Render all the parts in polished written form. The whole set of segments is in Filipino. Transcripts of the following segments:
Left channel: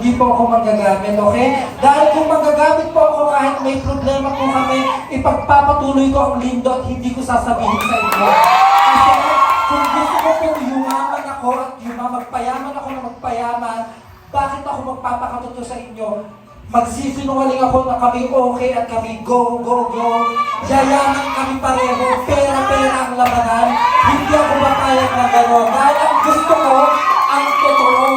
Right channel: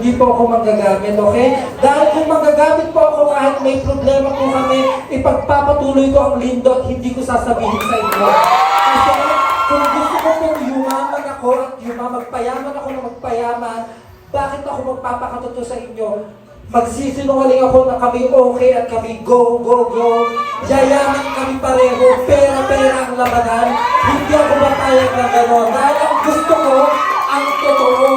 hindi po ako manggagamit, okay? Dahil kung manggagamit po ako kahit may problema po kami, ipagpapatuloy ko ang lindo at hindi ko sasabihin sa inyo. Kasi kung gusto ko pong yumaman ako at magpayaman ako na magpayaman, bakit ako magpapakatotoo sa inyo? Magsisinungaling ako na kami okay at kami go, go, go. Yayaman kami pareho, pera-pera ang labanan. Hindi ako mapayag na gano'n. Dahil ang gusto ko, ang totoo.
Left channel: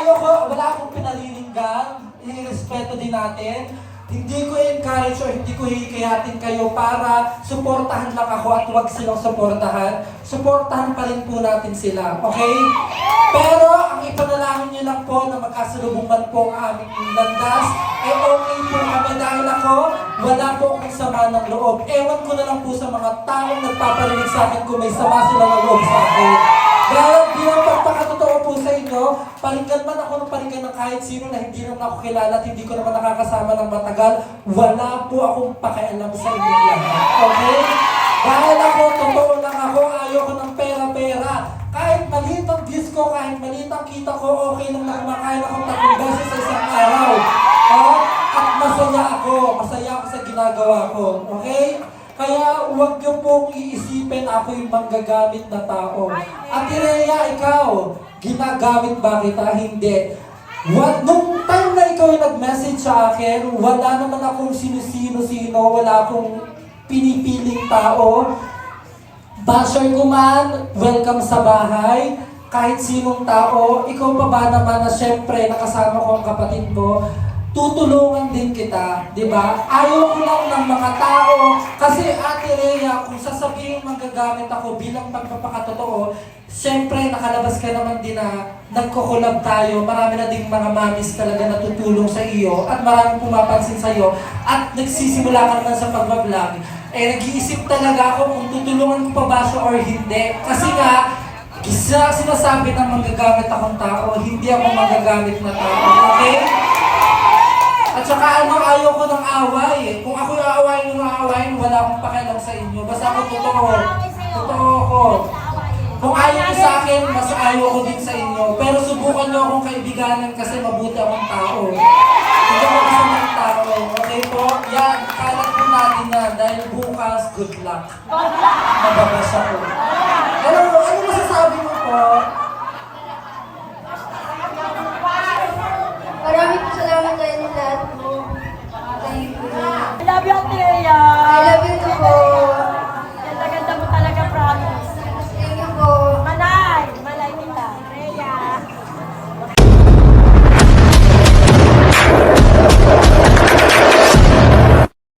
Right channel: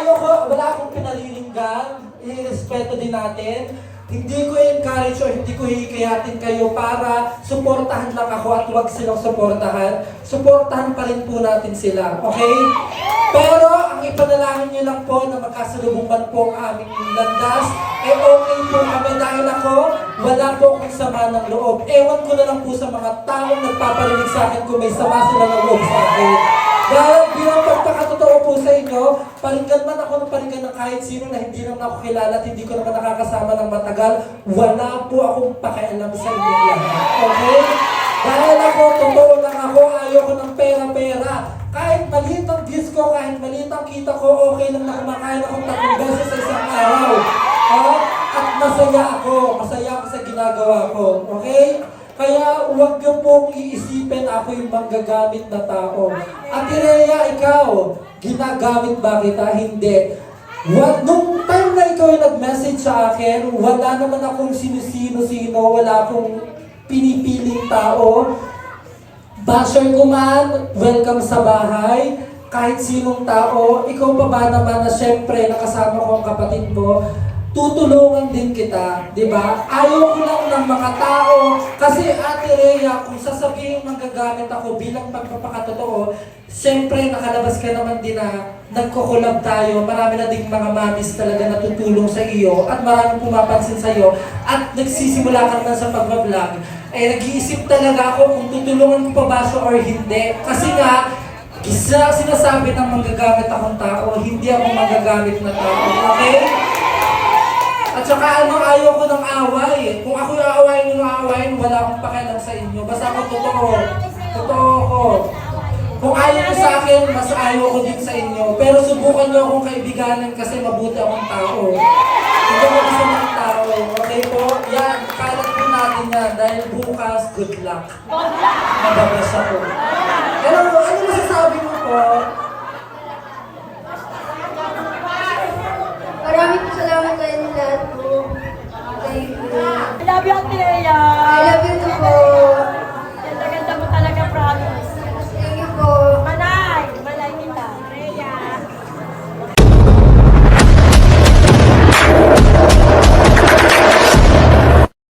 Ayaw ko, wala akong pinalilinggan. I-respeto din natin. Hindi ko encourage o hindi ko hihikayatin kayo para suportahan lang ako at huwag silang suportahan. Suportahan pa rin po natin sila, okay? Pero ang ipanalangin niyo lang po na magkasalubungan po ang aming landas, okay po kami dahil ako, wala po akong sama ng loob. Ewan ko na lang po sa mga taong nagpaparinig sa akin kung may sama sila ng loob sa akin. Dahil bilang pagpakatotoo po sa inyo, paringgan man ako ng paringgan ng kahit sino na hindi naman ako kilala at hindi ko naman nakakasama ng matagal, wala po akong pakialam sa inyo lahat. Okay? Dahil ako, totoo lang ako, ayoko ng pera-pera. Kahit maliit ang disco, kahit maliit ang kita ko, okay lang na kumakain akong 3 beses sa isang araw. At masaya ako sa ginagawa ko. Okay? Kaya huwag niyo pong iisipin ako yung manggagamit na tao. Ate Rhea, ikaw, ginagamit ba kita? Hindi. Nung time na ikaw yung nag-message sa akin, wala naman akong sino-sino, wala akong pinipiling tao. Basher ko man, welcome sa bahay. Kahit sinong tao, ikaw pa ba naman na syempre nakasama ko ang kapatid mo, tutulungan din kita, di ba? Ayaw ko lang ng mga tao, kasi Ate Rhea, kung sasabihin magagamit ako bilang pagpapakatotoo, siyempre nakalabas ka naman din na nagkukulab tayo, marami na ding mga mamis talaga natutulong sa iyo, at maraming pumapansin sa iyo, at nagsisimula ka naman sa pagbablog, nag-iisip talaga ako kung tutulungan ko pa ba siya or hindi. Kasi nga, sinasabi ng magagamit akong tao, hindi ako magagamit na tao, okay? At saka ayaw ko ng away. Kung ako yung aawayin, wala akong pakialam sa inyo. Basta ako totoo. Totoo ako. Kung ayaw ko sa akin, mas ayaw ko din sa inyo. Pero subukan nyo akong kaibiganan kasi mabuti akong tao. Hindi ako masamang tao. Okay po? Yan, kalat po natin yan. Dahil bukas, good luck. Mababas ako. Ano masasabi mo po?